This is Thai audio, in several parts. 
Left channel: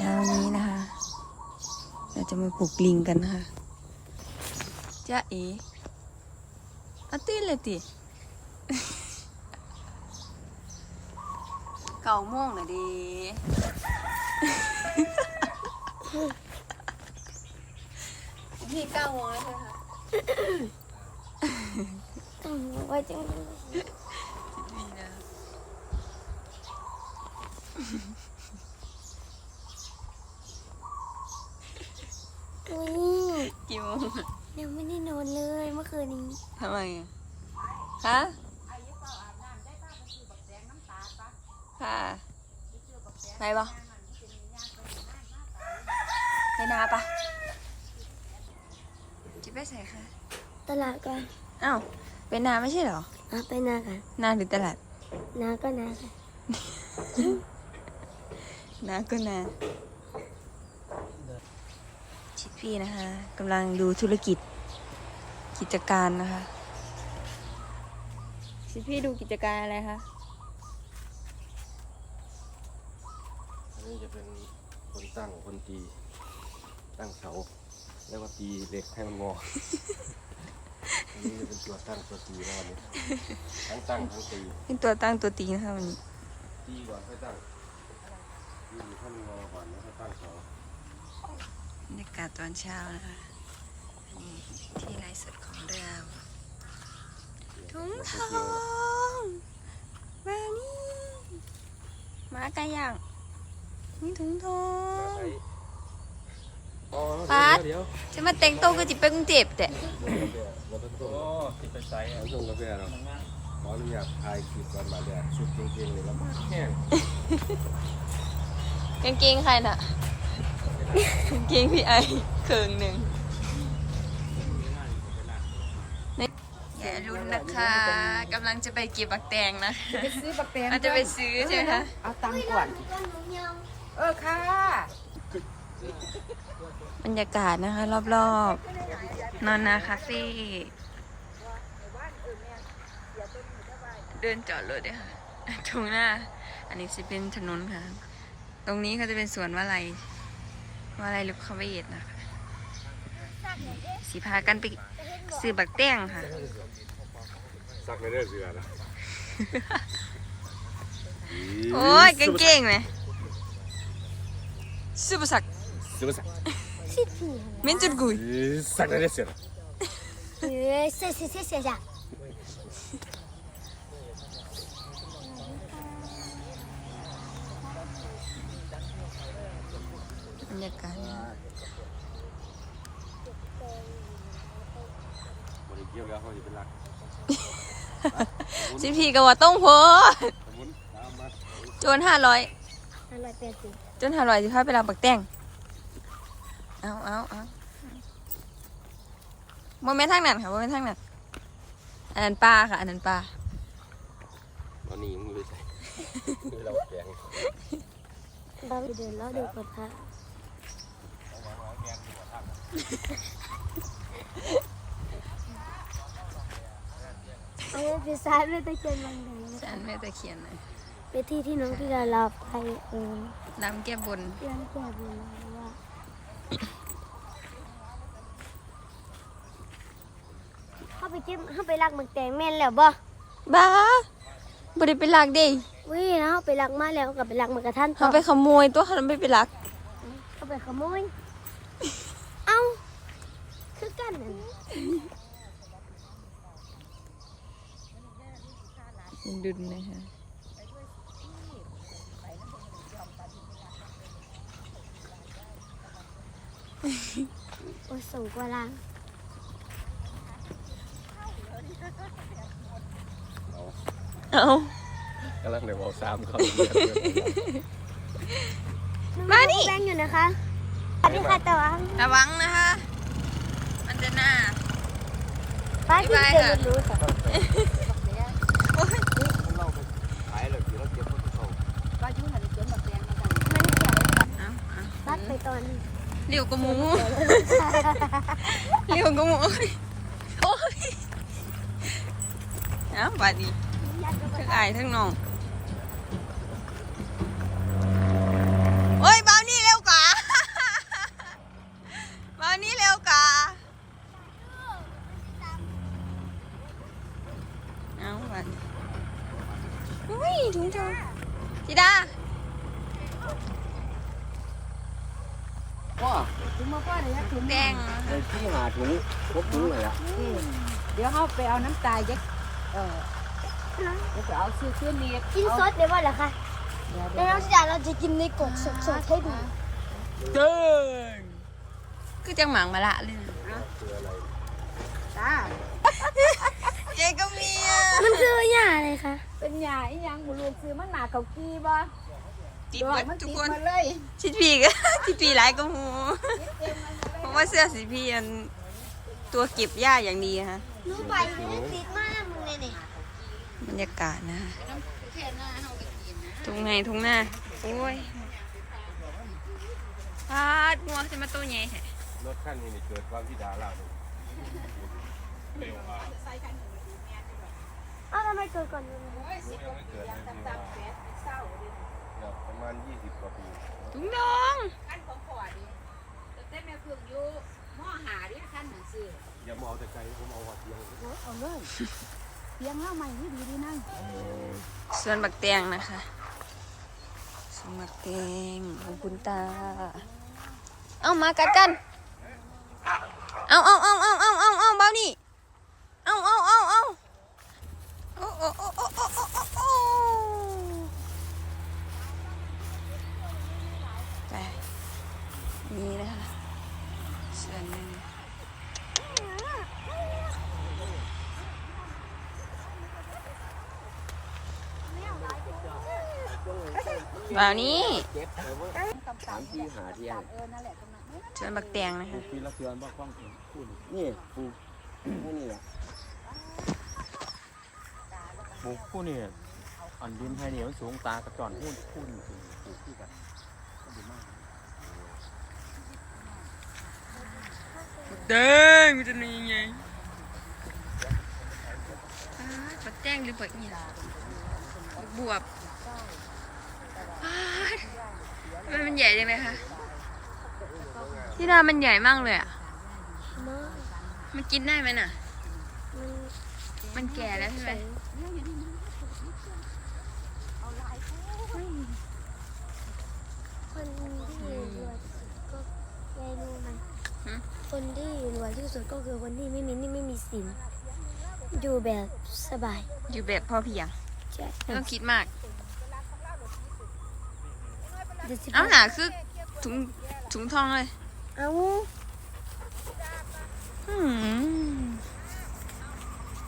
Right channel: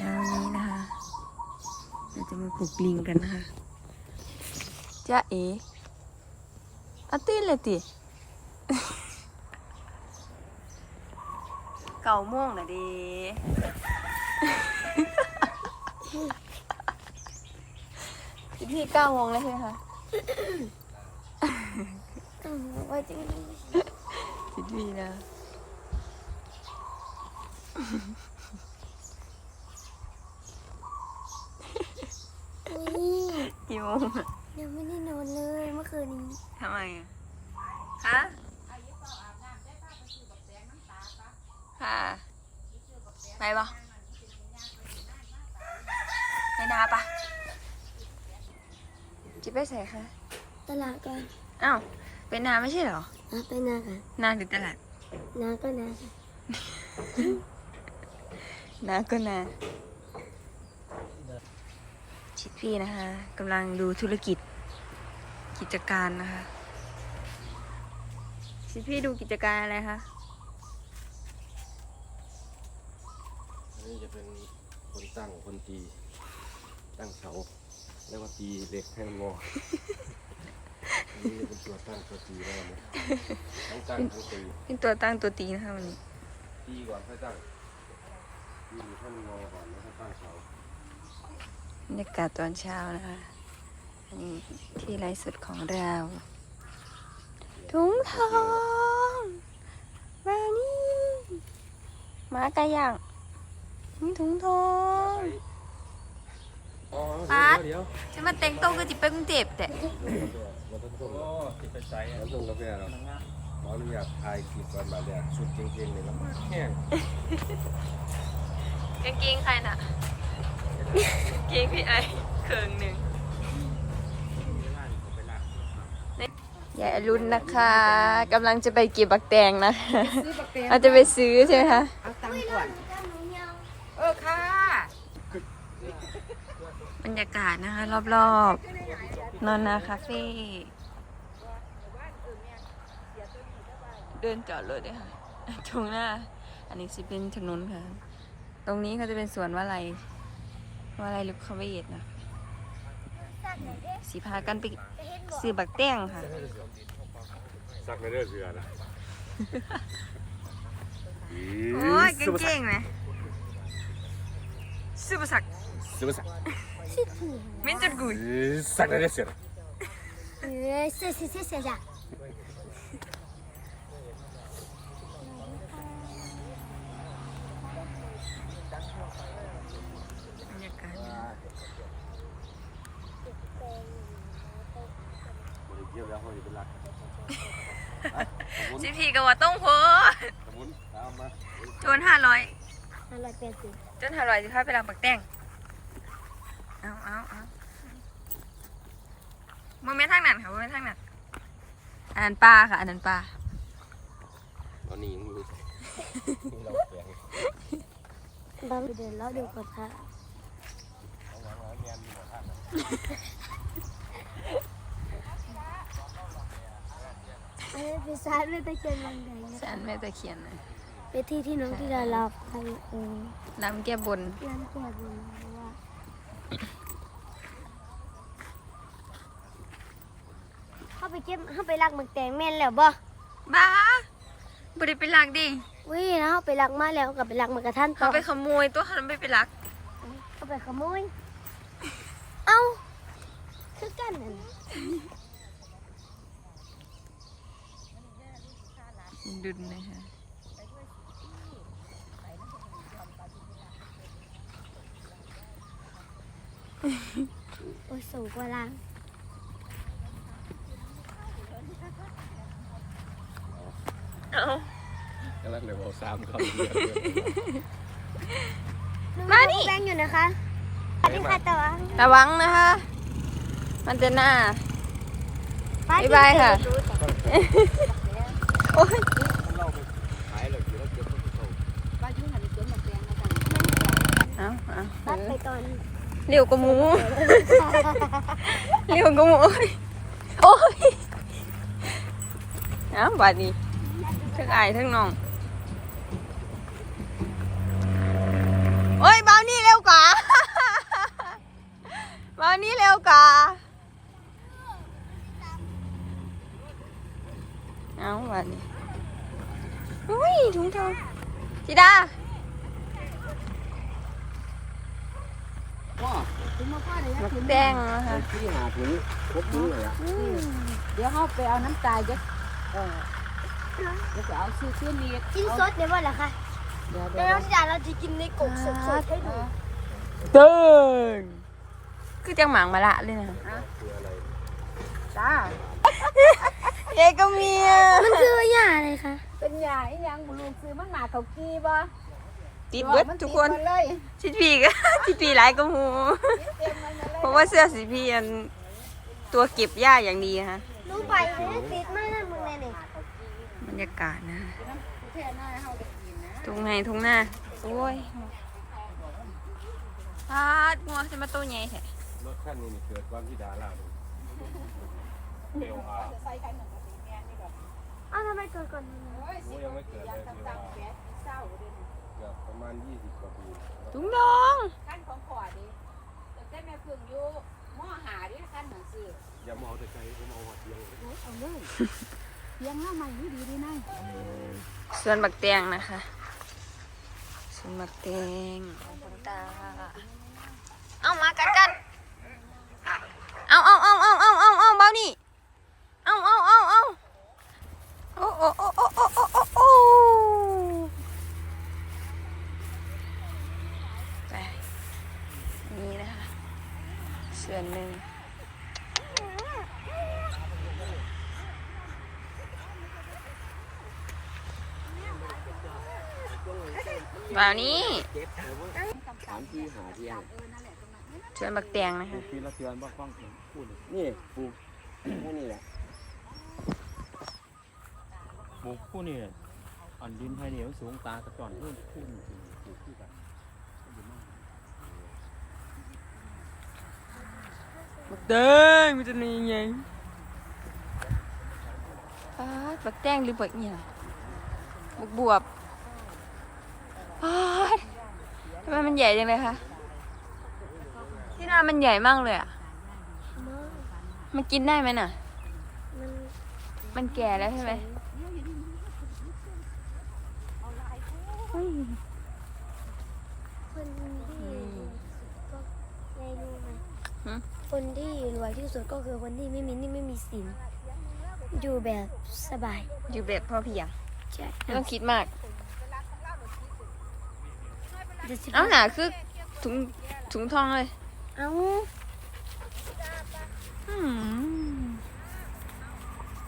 ช้านี้นะคะ เราจะมาปลูกลิงกันนะคะจ้าเอ๋อาตีนเลยติเก่าโม่วงนะเดีอีกทีเก้าโมงแล้วใช่ไหมคะต้องว่าจังสิบวีนะ นี่กี่โมงอะยังไม่ได้นอนเลยเมื่อคืนนี้ทำไมอะฮะค่ะไปปะไปนาปะจิไปใส่ค่ะ ตลาดก่อนอ้าวไปนาไม่ใช่เหรออะไปนากันนาหรือตลาดนาก็นากันนาก็นา ชิดพี่นะคะกำลังดูธุรกิจกิจการนะคะ ชิดพี่ดูกิจการอะไรคะอันนี้จะเป็นคนตั้งคนตี ตั้งเสาแล้วก็ตีเหล็กให้มันงอ อันนี้จะเป็นตัวตั้งตัวตีนะครับเนี่ยทั้งตั้งทั้งตีเป็นตัวตั้งตัวตีนะคะวันนี้ตีก่อนค่อยตั้งตีให้มันงอก่อนแล้วค่อยตั้งเสาบ รรยากาศตอนเช้านะคะอันนี้ที่ไลฟ์สดของเราถุงทองมานี่หมาไก่ย่างนี่ถุงทองอ๋อปั๊ดเดี๋ยวจะมาแต่งโตวคือจิไปกรุงเทพแต่เดี๋ยวเดี๋ยวเราต้องส่งโอ้ติดไปใส่เราส่งกาแฟเราขออนุญาตถ่ายคลิปก่อนมาแดดสุดจริงๆเลยแล้วมากแห้งกางเกงใครน่ะกาง เกงพี่ไอเคิงหนึ่งอย่ารุนนะคะกำลังจะไปเก็บบักแตงนะคะซื้อบักแตงเราจะไปซื้อใช่ไหมคะเอาตังค์ก่อนเออค่ะบรรยากาศนะคะ รอบๆ นอนนาคาเฟ่เดินจอดรถเลยค่ะตรงหน้า อันนี้จะเป็นถนนค่ะ ตรงนี้เขาจะเป็นสวนวาลัย วาลัยลูกคาเวตนะคะสีพากันไปซื้อบักแต้งค่ะ ซักในเรื่องเสือนะโอ้ยเก่งๆไหมซูเปอร์สักซื้อมาสักสิผีเม้นจุดกุยสักในเรื่องเสือเฮ้ยเสียเสียเสียเสียจ้ะ บ รรยากาศนะบริเกี่ยวแล้วเขาจะเป็นรักสมุนสิพีก็ว่าต้องโพสสมุนตามมาโจนห้าร้อยห้าร้อยแปดสิบจนห้าร้อยสิพาไปรับบักแต้งเอาเอาเอาโมเมนทางนั้นค่ะโมเมนทางนั้นอันนั้นปลาค่ะ อันนั้นปลาตอนนี้ยังไม่ใช่เราแกง เดินเดินแล้วดูก่อนค่ะ อันนี้เป็นสายไม่ตะเคียนบางแดงนะฉันแม่ตะเคียนนะเป็นที่ที่น้องที่ดาราไปเออน้ำแก้บนเรื่องแก้บนเพราะว่าเข้าไปเก็บเข้าไปลักหมึกแตงแม่นแล้วบ่บ้าบ่ได้ไปลักเด้วิ่งเข้าไปลักมาแล้วก็ไปลักหมึกกระทันต่เขาอไปขโมยตัวเขาไม่ไปลักเข้าไปขโมย เอ้าคือกันนั่นดุนนะคะโอ้ยสูงกว่าล่างเอากำลังเดี๋ยวเอาสามเขามานี่แบงอยู่นะคะ สวัสดีค่ะตะวันระวังนะคะ มันจะหน้าบ๊ายบายค่ะ โอ้ยขายเลยเดี๋ยวเราเก็บเขาเข้าว่ายุ่งหันสวนบักแตงมากันเอาเอาตัดไปก่อนเร็วกว่าหมูเร็วกว่าหมูโอ้ยโอ้ยเอาบาดนี้ทั้งอายทั้งน้อง โอ้ยเบานี่านอุ้ยถุงเท้าธิดาพ่อถุงมาพ่อเลยยักถุงแดงนะคะที่หาถุงพบถุงเลยอะเดี๋ยวเขาไปเอาน้ำตาลยักเออเดี๋วไปเอาซื้อเครื่องนี้กินสดเดี๋ยวว่าเหรอคะเดี๋ยวเราเราจะกินในกบสดๆให้ดูเดินคือจังหมังมาละเลยนะจ้า เอ้ก็มีอะมันคือหญ้าอะไรคะเป็นยาอีหยังบุรุษซื้อมันหนาเขากี้บ่ติดเบิดทุกคนติดมาเลยชิดพีก็ ชิดพีหลายก็หูเพราะว่าเสื้อสีพีอันตัวเก็บหญ้าอย่างดีฮะลุงปล่อยมันติดมากมึงเลยเนี่ยบรรยากาศนะทุ่งไงทุ่งหน้าโอ้ยพาดงัวจะมาตัวใหญ่แท้รถคันนี้นี่เกิดความที่ดาราเร็วอะอ้าวทำ ไมเกิดก่อนนึงโอ้ยังไม่เกิดเลยเร็วอะประมาณ 20 กว่าปีถุงน้องขั้นของขอดิแต่เต้นแม่พึ่งอยู่มอหาดิขั้นหนังสืออย่ามาเอาแต่ไกลผมเอาหัวเตียงเลยโอ้เอาเลยเตียงห้าใหม่นี่ดีดีนะสวนบักแตงนะคะสวนบักแตงของคุณตา เอามากัดกัน เอาเอาเอาเอาเอาเอาเอาเบานี่ โอ้โอ้โอ้โอ้โนี่งกว่านี้ถามที่หาที่อะชวนบักแตงนะคะ พี่รับนี่ปูแค่นี้แหละ ปลูกผู้นี่อันดินไทยเนี่ยมันสูงตากระจอนที่ผู้นี่ปลูกที่กันบักแตงมันจะมีไงปาดบักแตงหรือบักเนี่ยบักบวบปาดทำไมมันใหญ่จังเลยคะที่นามันใหญ่มากเลยอะ มันกินได้ไหมน่ะ มันแก่แล้วใช่ไหม คนที่รวยก็ได้รู้ไหม ฮะ คนที่รวยที่สุดก็คือคนที่ไม่มีหนี่ไม่มีสิน อยู่แบบสบายอยู่แบบพอเพียงใช่ไม่ต้องคิดมากเดี๋ยวสิเอาหนาคือถุงถุงทองเลยเอาอืม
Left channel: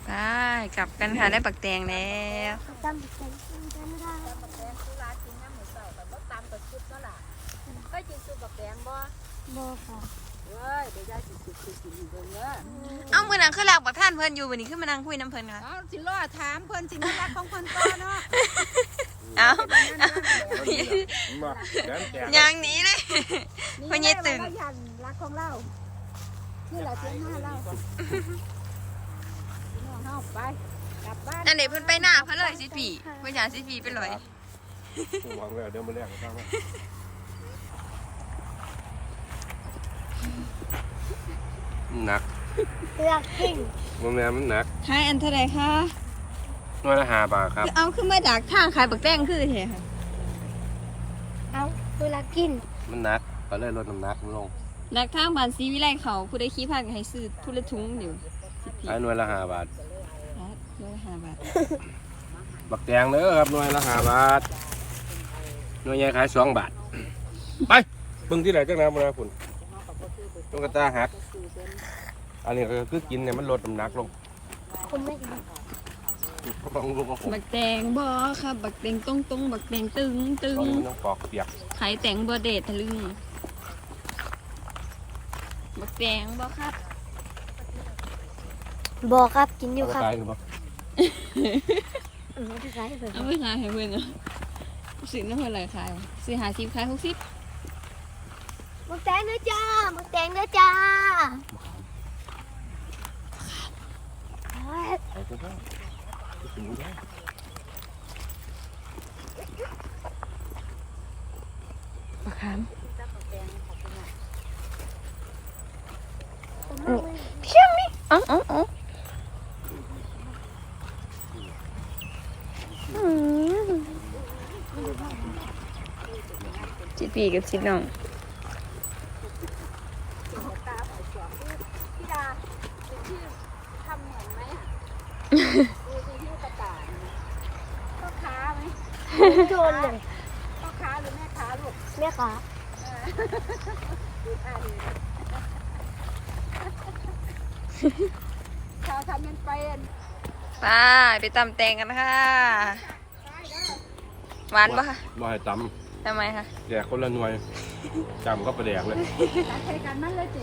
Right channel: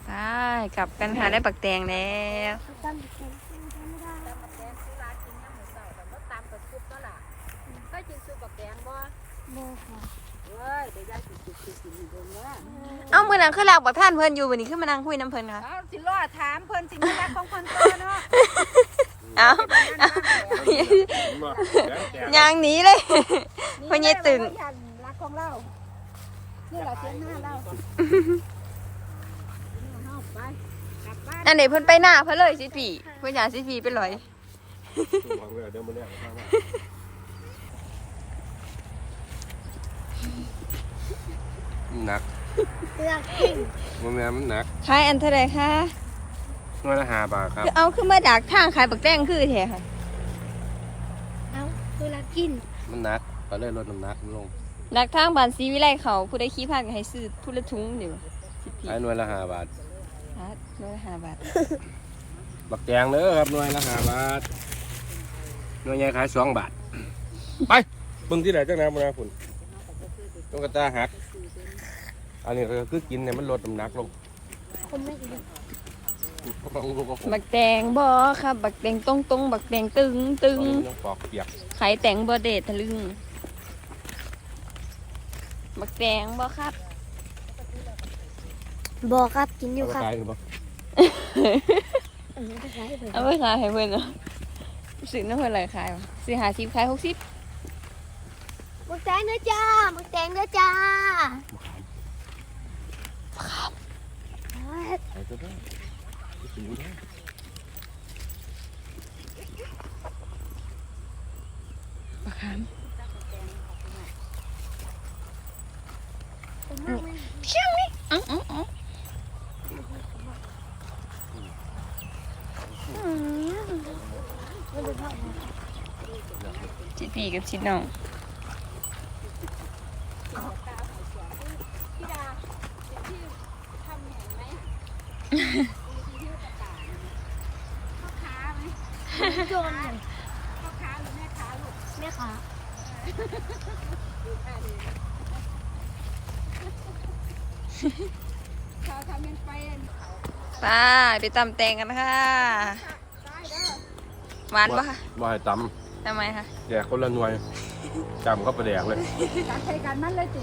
ไปกลับกันค่ะได้ปักแตงแล้วเอาตามไปกันจำไม่ได้ตำบักแตงซื้อร้านกินย่ำเหมือนเต่าแต่ว่าตำกับซุปก็ล่ะก็กินซุปบักแตงบ่โบค่ะ เว้ยเดี๋ยวยายสิกินสิกินอีกเบิ่งเด้อเอามือนังคือหลักบักท่านเพิ่นอยู่วันนี้ขึ้นมานั่งคุยน้ำเพิ่นค่ะเอาสิรอถามเพิ่นสิมีรักของเพิ่นเพิ่นเนาะเอาเอายางหนีเลย เพิ่นยัยตึงรักของเรานี่แหละเสียงหน้าเราน้องเฮาไปกลับบ้าน อันนี้เพิ่นไปหน้าเพิ่นเลยสิพี่เพิ่นอยากสิพี่ไปลอย หวังแล้วเดี๋ยวมาเรียกข้าวว่า หนักเลือกทิ้งมันแม่มันหนักขายอันเท่าไหร่คะน้อยละห้าบาทครับ คือเอาขึ้นมาดักทางขายบักแตงคือแท้ค่ะเอาเวลากินมันหนักก็เลยลดน้ำหนักมันลงดักทางบ้านศรีวิไลเขาผู้ใดขี้พาก็ให้ซื้อผู้ละถุงเดี๋ยวสิพี่ขายหน่วยละห้าบาทครับร้อยห้าบาทบักแตงเด้อครับหน่วยละห้าบาทหน่วยใหญ่ขายสองบาท ไปเบิ่งที่ไหนจังนะบุญนะคุณ ต้องกระตาหัก อันนี้ก็คือกินเนี่ยมันลดน้ำหนักลงผมไม่กินบางลูกก็ผมบักแตงบ่ครับ บักแตงตรงตรงๆบักแตงตึงตึงบางมันต้องปอกเปียกขายแตงบ่เดททะลึงบักแตงบ่ครับ บอกครับกินอยู่เอาครับไปขายหรือเปล่าเออจะขายให้เพิ่นเอาไปขายให้เพิ่นเนาะซื้อน้ำเพิ่นหลายขายวะซื้อหาสิบขายหกสิบหมึก แตงเด้อจ้าหมึกแตงเด้อจ้าขายก็ได้ถึงได้บักขามเพียงนี่เอ๋ออ๋ออ๋อจิตีกับจิน้อง โจนเลย ลูกค้าหรือแม่ค้าลูก แม่ค้าชาวทำมันเป็นไปไปตำแตงกันค่ะได้เด้อหวานปะคะบ่ให้ตทำไมคะำแดกคนละหน่วยจำก็ประแดกเลยการใช้การมันเลยจิ